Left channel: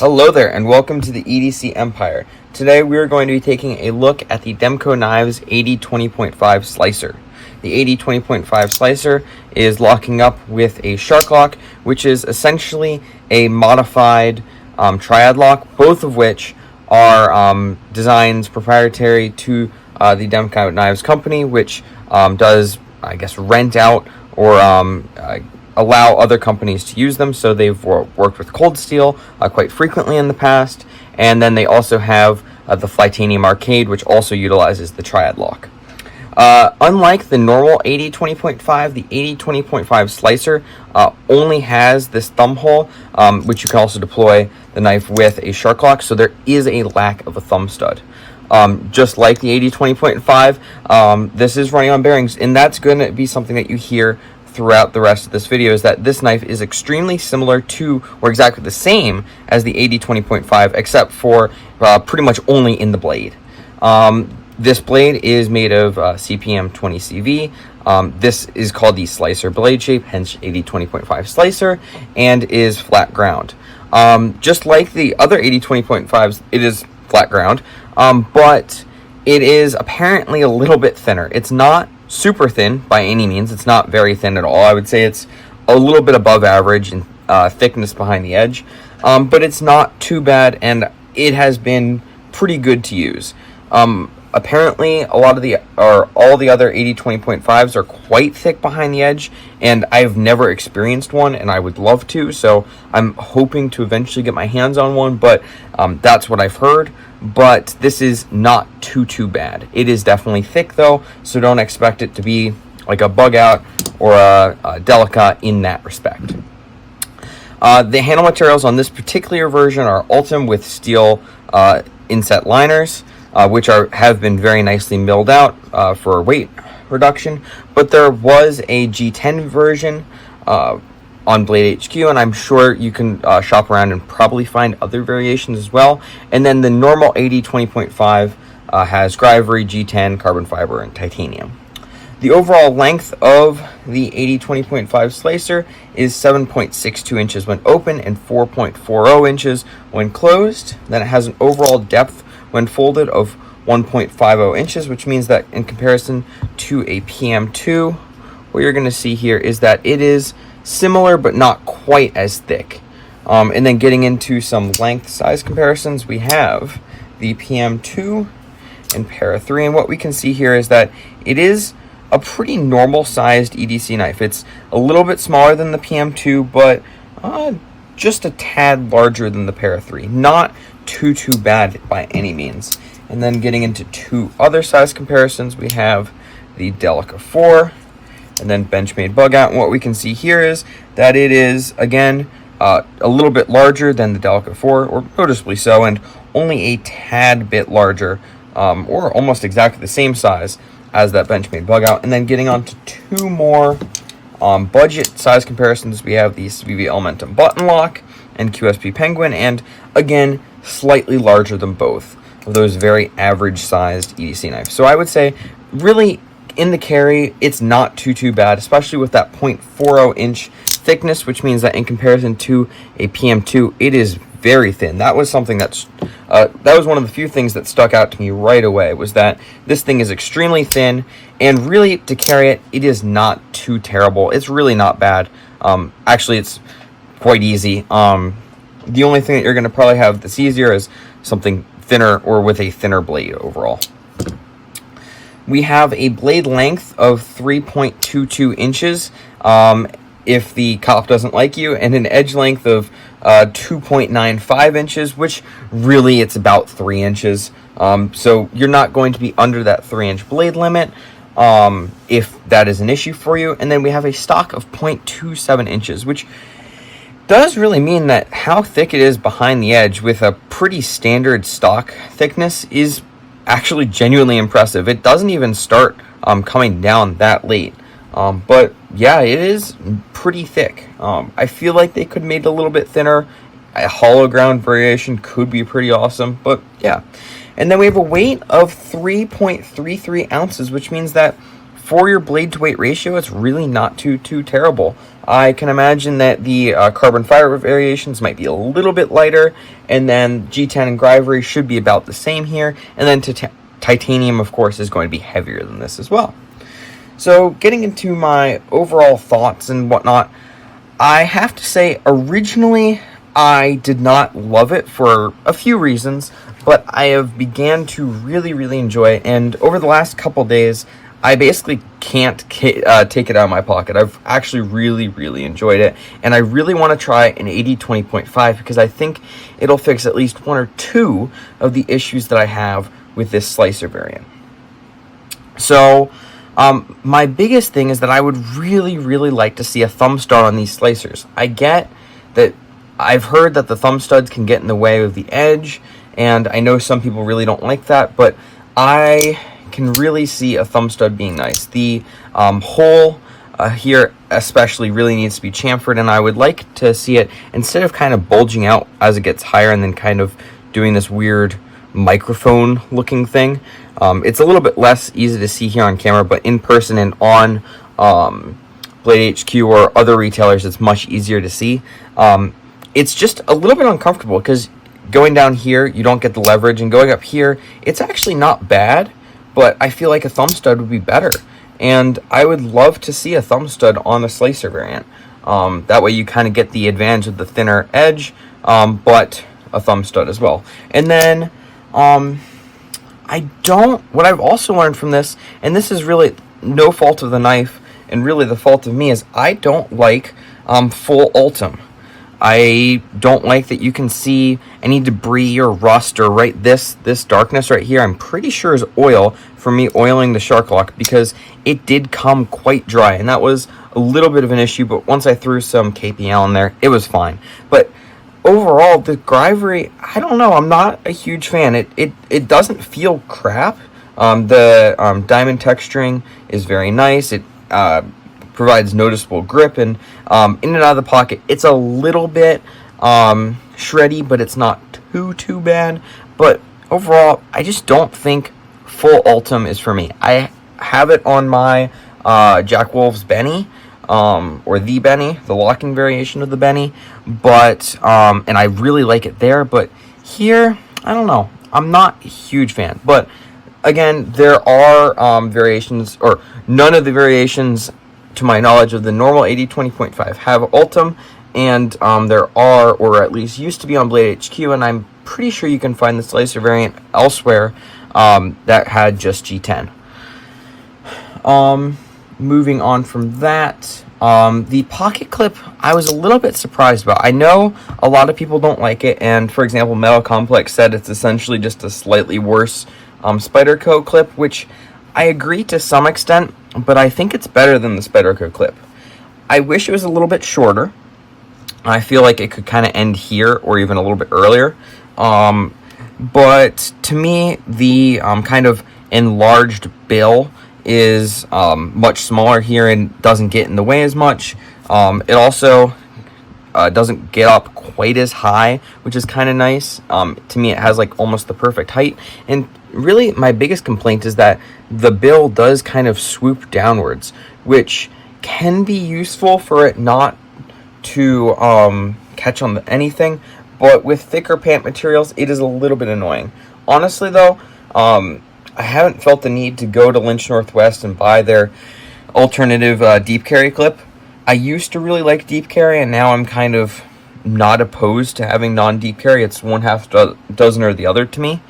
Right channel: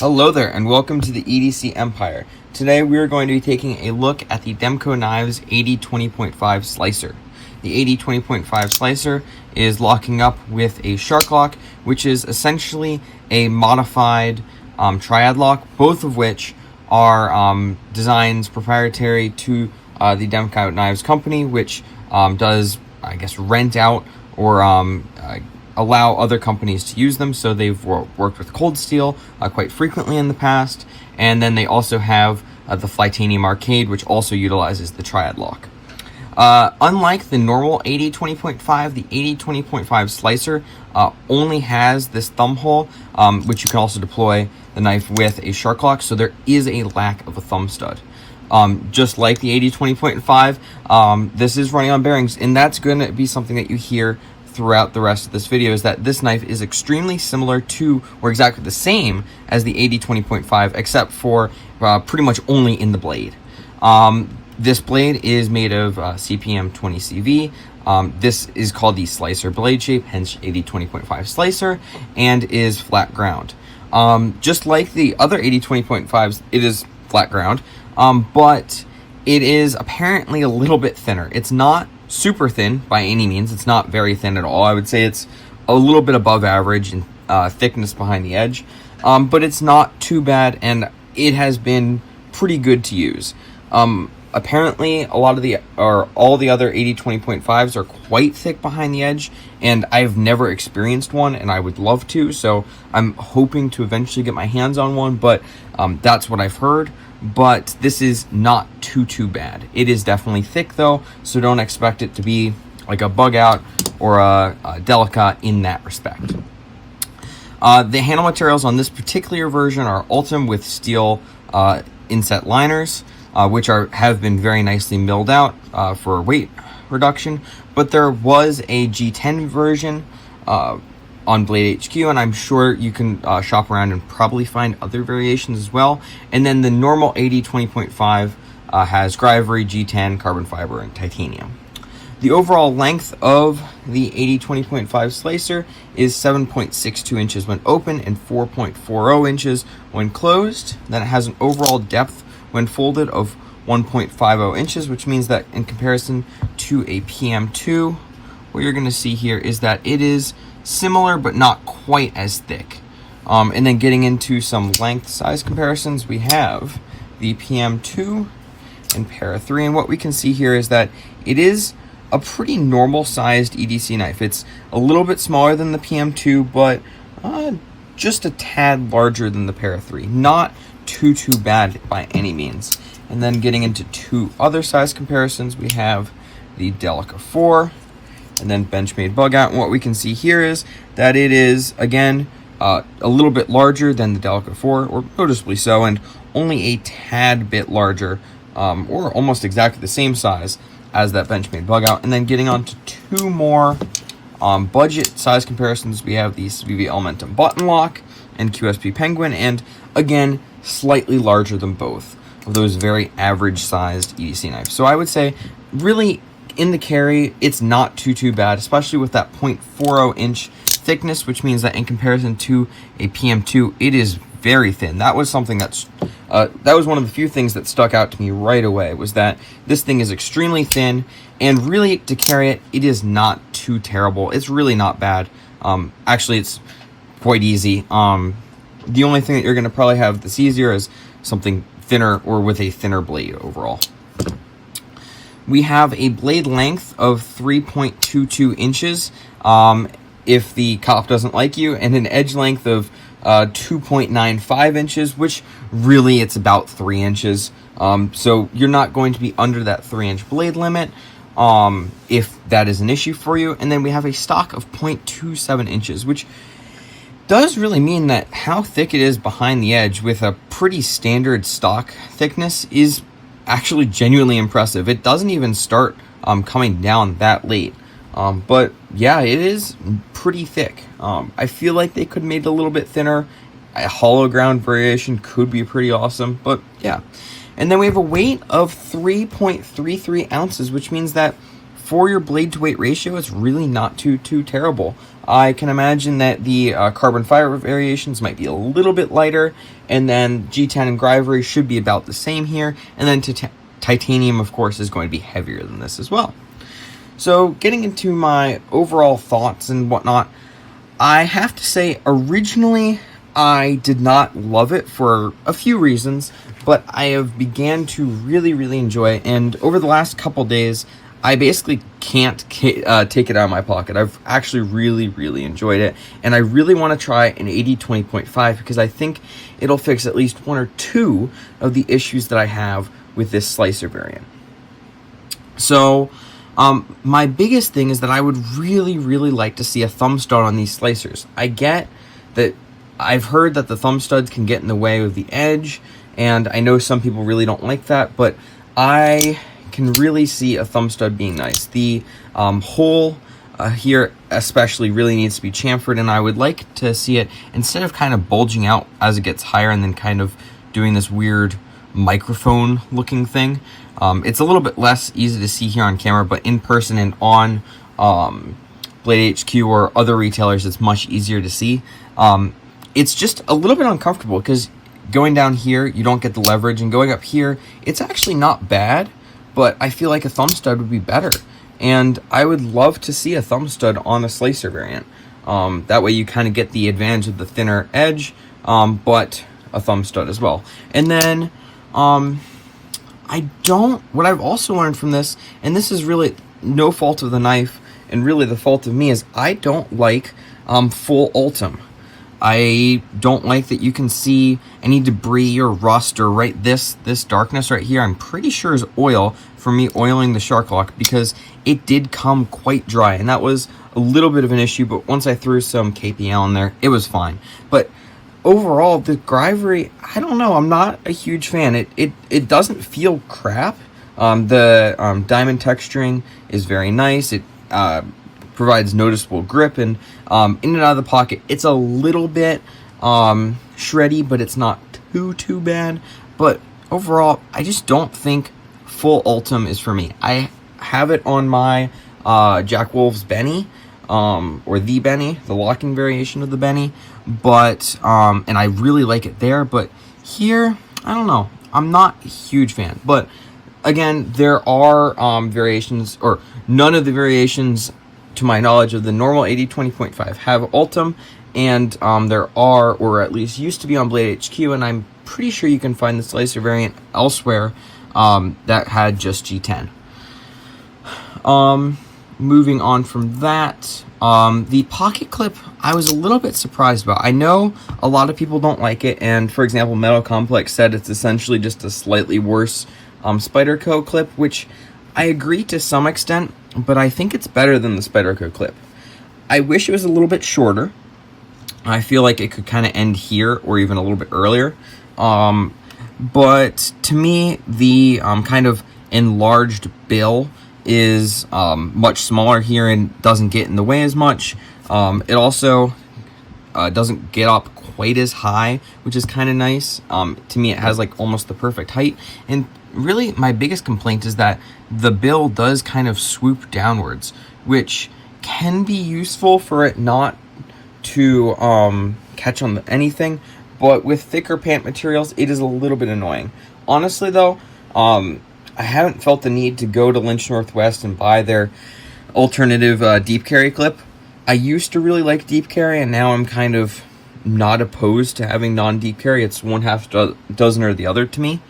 Hello there, and welcome to the EDC Empire. Today we are going to be taking a look at the Demko Knives AD20.5 Slicer. The AD20.5 Slicer is locking up with a shark lock, which is essentially a modified triad lock, both of which are designs proprietary to the Demko Knives company, which does, I guess, rent out or allow other companies to use them. So they've worked with Cold Steel quite frequently in the past, and then they also have the Flytanium Arcade, which also utilizes the triad lock. Unlike the normal AD20.5, the AD20.5 Slicer only has this thumb hole, which you can also deploy the knife with a shark lock, so there is a lack of a thumb stud. Just like the AD20.5, this is running on bearings, and that's going to be something that you hear throughout the rest of this video, is that this knife is extremely similar to, or exactly the same as the AD20.5, except for pretty much only in the blade. This blade is made of CPM 20CV. This is called the slicer blade shape, hence AD20.5 Slicer, and is flat ground. Just like the other AD20.5s, it is flat ground, but it is apparently a little bit thinner. It's not super thin by any means. It's not very thin at all. I would say it's a little bit above average in thickness behind the edge, but it's not too bad, and it has been pretty good to use. Apparently, all the other AD20.5s are quite thick behind the edge, and I've never experienced one, and I would love to, so I'm hoping to eventually get my hands on one, but that's what I've heard. But this is not too bad. It is definitely thick though, so don't expect it to be like a bug out or a Delica in that respect. The handle materials on this particular version are ultem with steel inset liners, which have been very nicely milled out for weight reduction. But there was a G10 version on Blade HQ, and I'm sure you can shop around and probably find other variations as well. And then the normal AD20.5 has Gryvery, G10, carbon fiber, and titanium. The overall length of the AD20.5 Slicer is 7.62 inches when open and 4.40 inches when closed. Then it has an overall depth when folded of 1.50 inches, which means that in comparison to a PM2, what you're going to see here is that it is similar but not quite as thick. And then getting into some length size comparisons, we have the PM2 and Para 3, and what we can see here is that it is a pretty normal sized EDC knife. It's a little bit smaller than the PM2, but just a tad larger than the Para 3. Not too bad by any means. And then getting into two other size comparisons, we have the Delica 4 and then Benchmade Bug Out. And what we can see here is that it is, again, a little bit larger than the Delica 4, or noticeably so, and only a tad bit larger, or almost exactly the same size as that Benchmade Bug Out. And then getting on to two more budget size comparisons, we have the CVV Elementum Button Lock and QSP Penguin, and again, slightly larger than both of those very average sized EDC knives. So I would say, really, in the carry, it's not too bad, especially with that 0.40 inch thickness, which means that in comparison to a PM2, it is very thin. That was something that was one of the few things that stuck out to me right away, was that this thing is extremely thin, and really, to carry it, it is not too terrible. It's really not bad. Actually, it's quite easy. The only thing that you're going to probably have that's easier is something thinner or with a thinner blade overall. We have a blade length of 3.22 inches if the cop doesn't like you, and an edge length of 2.95 inches, which really it's about 3 inches. So you're not going to be under that 3-inch blade limit if that is an issue for you. And then we have a stock of 0.27 inches, which does really mean that how thick it is behind the edge with a pretty standard stock thickness is actually genuinely impressive. It doesn't even start coming down that late. But yeah, it is pretty thick. I feel like they could have made it a little bit thinner. A hollow ground variation could be pretty awesome, but yeah. And then we have a weight of 3.33 ounces, which means that for your blade to weight ratio, it's really not too terrible. I can imagine that the carbon fiber variations might be a little bit lighter, and then G10 and Gryvery should be about the same here, and then titanium, of course, is going to be heavier than this as well. So getting into my overall thoughts and whatnot, I have to say originally I did not love it for a few reasons, but I have began to really enjoy it, and over the last couple days I basically can't take it out of my pocket. I've actually really enjoyed it, and I really want to try an AD20.5 because I think it'll fix at least one or two of the issues that I have with this slicer variant. So my biggest thing is that I would really like to see a thumb stud on these slicers. I get that I've heard that the thumb studs can get in the way of the edge, and I know some people really don't like that, but I can really see a thumb stud being nice. The hole here especially really needs to be chamfered, and I would like to see it, instead of kind of bulging out as it gets higher and then kind of doing this weird microphone looking thing. It's a little bit less easy to see here on camera, but in person and on Blade HQ or other retailers, it's much easier to see. It's just a little bit uncomfortable because going down here, you don't get the leverage, and going up here, it's actually not bad, but I feel like a thumb stud would be better. And I would love to see a thumb stud on the slicer variant. That way you kind of get the advantage of the thinner edge, but a thumb stud as well. And then, what I've also learned from this, and this is really no fault of the knife, and really the fault of me, is I don't like full ultem. I don't like that you can see any debris or rust or this darkness right here. I'm pretty sure is oil from me oiling the Shark Lock, because it did come quite dry, and that was a little bit of an issue, but once I threw some KPL in there, it was fine. But overall, the Gryvery, I don't know, I'm not a huge fan. It doesn't feel crap. The diamond texturing is very nice. It provides noticeable grip, and in and out of the pocket, it's a little bit shreddy, but it's not too bad. But overall, I just don't think full ultem is for me. I have it on my Jack Wolf's Benny, or the Benny, the locking variation of the Benny, but and I really like it there. But here, I don't know, I'm not a huge fan. But again, there are variations, or none of the variations to my knowledge of the normal AD20.5 have ultem, and there are, or at least used to be on Blade HQ, and I'm pretty sure you can find the slicer variant elsewhere that had just G10. Moving on from that, the pocket clip, I was a little bit surprised about. I know a lot of people don't like it, and for example, Metal Complex said it's essentially just a slightly worse Spyderco clip, which I agree to some extent, but I think it's better than the Spyderco clip. I wish it was a little bit shorter. I feel like it could kind of end here or even a little bit earlier. But to me, the kind of enlarged bill is much smaller here and doesn't get in the way as much. It also doesn't get up quite as high, which is kind of nice. To me, it has like almost the perfect height. And really, my biggest complaint is that the bill does kind of swoop downwards, which can be useful for it not to catch on anything, but with thicker pant materials, it is a little bit annoying. Honestly, though, I haven't felt the need to go to Lynch Northwest and buy their alternative deep carry clip. I used to really like deep carry, and now I'm kind of not opposed to having non-deep carry. It's one half dozen or the other to me.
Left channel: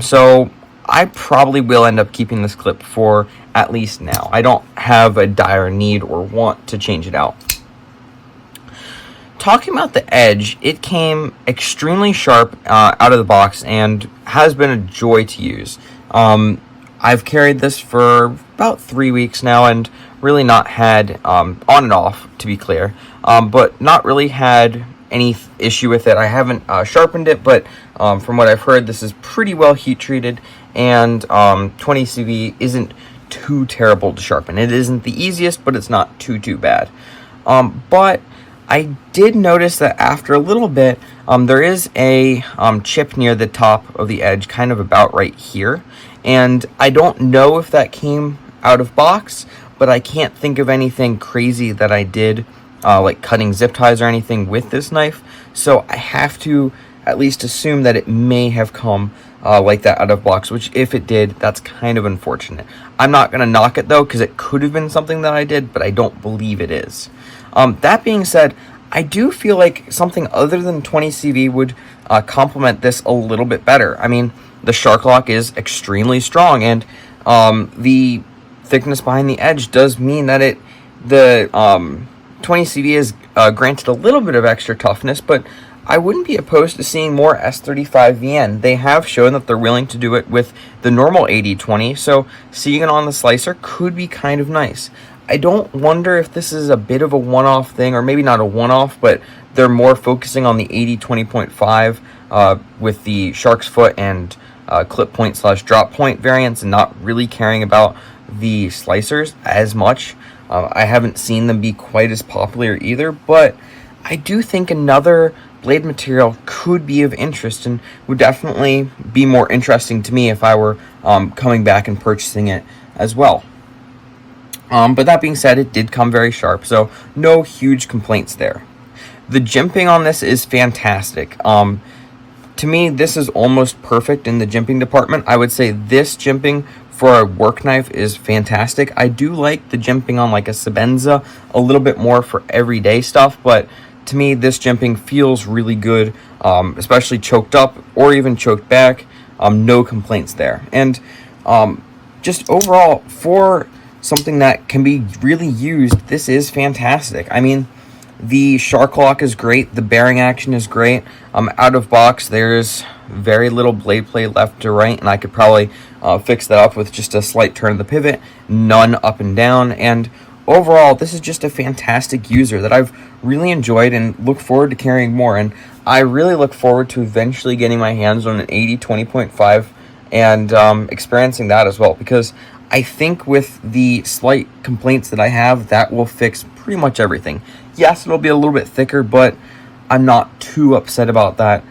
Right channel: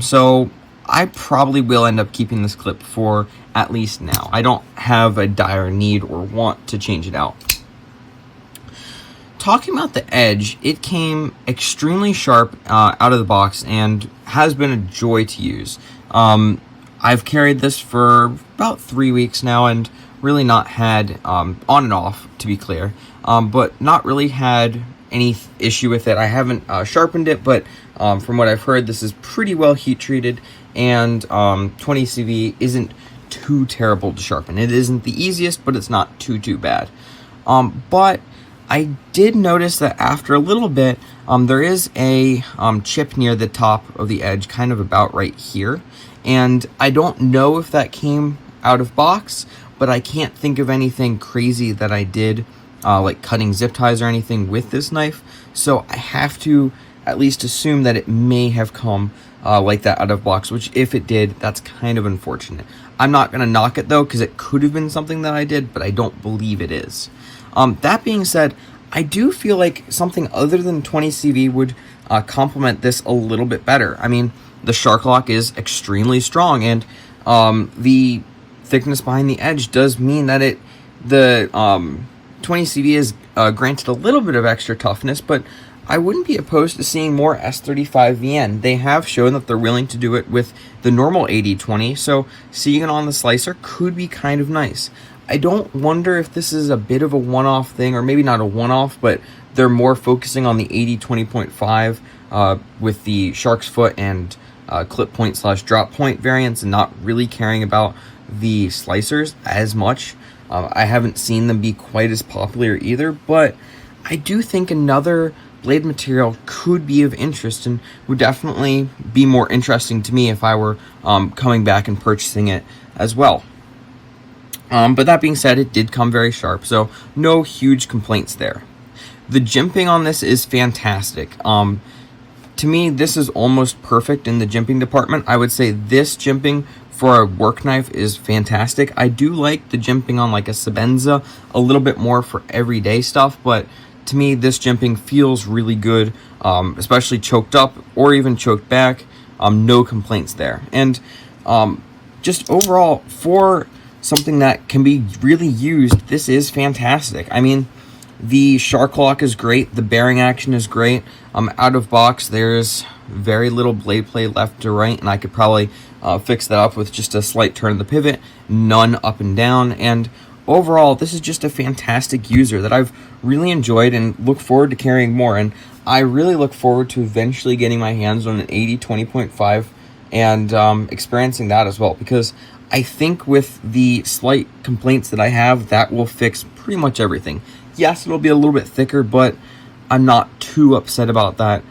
So I probably will end up keeping this clip for at least now. I don't have a dire need or want to change it out. Talking about the edge, it came extremely sharp out of the box and has been a joy to use. I've carried this for about 3 weeks now and really not had, on and off to be clear, but not really had any issue with it. I haven't sharpened it, but from what I've heard, this is pretty well heat treated, and 20 CV isn't too terrible to sharpen. It isn't the easiest, but it's not too bad. But I did notice that after a little bit, there is a chip near the top of the edge, kind of about right here. And I don't know if that came out of box, but I can't think of anything crazy that I did, like cutting zip ties or anything with this knife. So I have to at least assume that it may have come like that out of box, which if it did, that's kind of unfortunate. I'm not going to knock it though, because it could have been something that I did, but I don't believe it is. That being said, I do feel like something other than 20 CV would complement this a little bit better. I mean, the shark lock is extremely strong, and the thickness behind the edge does mean that the 20 CV is granted a little bit of extra toughness, but I wouldn't be opposed to seeing more S35 VN. They have shown that they're willing to do it with the normal AD20, so seeing it on the slicer could be kind of nice. I don't wonder if this is a bit of a one-off thing, or maybe not a one-off, but they're more focusing on the AD20.5 with the shark's foot and clip point / drop point variants, and not really caring about the slicers as much. I haven't seen them be quite as popular either, but I do think another blade material could be of interest and would definitely be more interesting to me if I were coming back and purchasing it as well. But that being said, it did come very sharp, so no huge complaints there. The jimping on this is fantastic. To me, this is almost perfect in the jimping department. I would say this jimping for a work knife is fantastic. I do like the jimping on like a Sebenza a little bit more for everyday stuff, but to me, this jimping feels really good, especially choked up or even choked back. No complaints there. And just overall, for something that can be really used, this is fantastic. I mean, the shark lock is great. The bearing action is great. Out of box, there's very little blade play left to right, and I could probably fix that up with just a slight turn of the pivot, none up and down. And overall, this is just a fantastic user that I've really enjoyed and look forward to carrying more. And I really look forward to eventually getting my hands on an AD20.5 and experiencing that as well, because I think with the slight complaints that I have, that will fix pretty much everything. Yes, it'll be a little bit thicker, but I'm not too upset about that.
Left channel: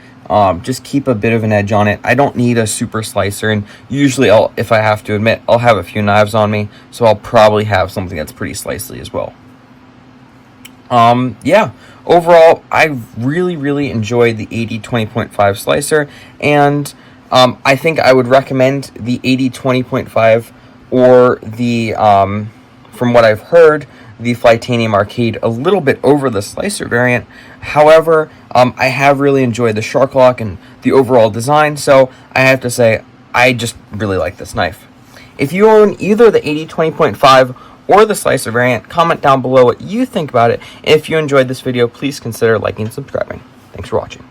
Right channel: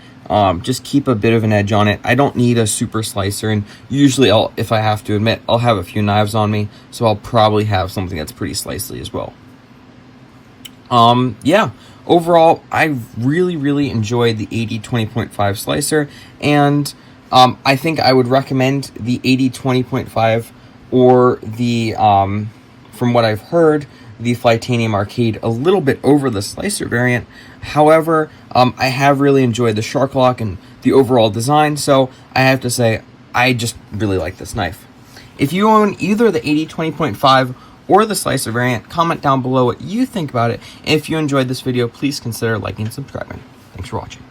Just keep a bit of an edge on it. I don't need a super slicer, and usually if I have to admit, I'll have a few knives on me, so I'll probably have something that's pretty slicey as well. Yeah, overall, I really enjoyed the AD20.5 Slicer, and I think I would recommend the AD20.5 or the, from what I've heard, the Flytanium Arcade a little bit over the Slicer variant. However, I have really enjoyed the shark lock and the overall design, so I have to say I just really like this knife. If you own either the AD20.5 or the Slicer variant, comment down below what you think about it. If you enjoyed this video, please consider liking and subscribing. Thanks for watching.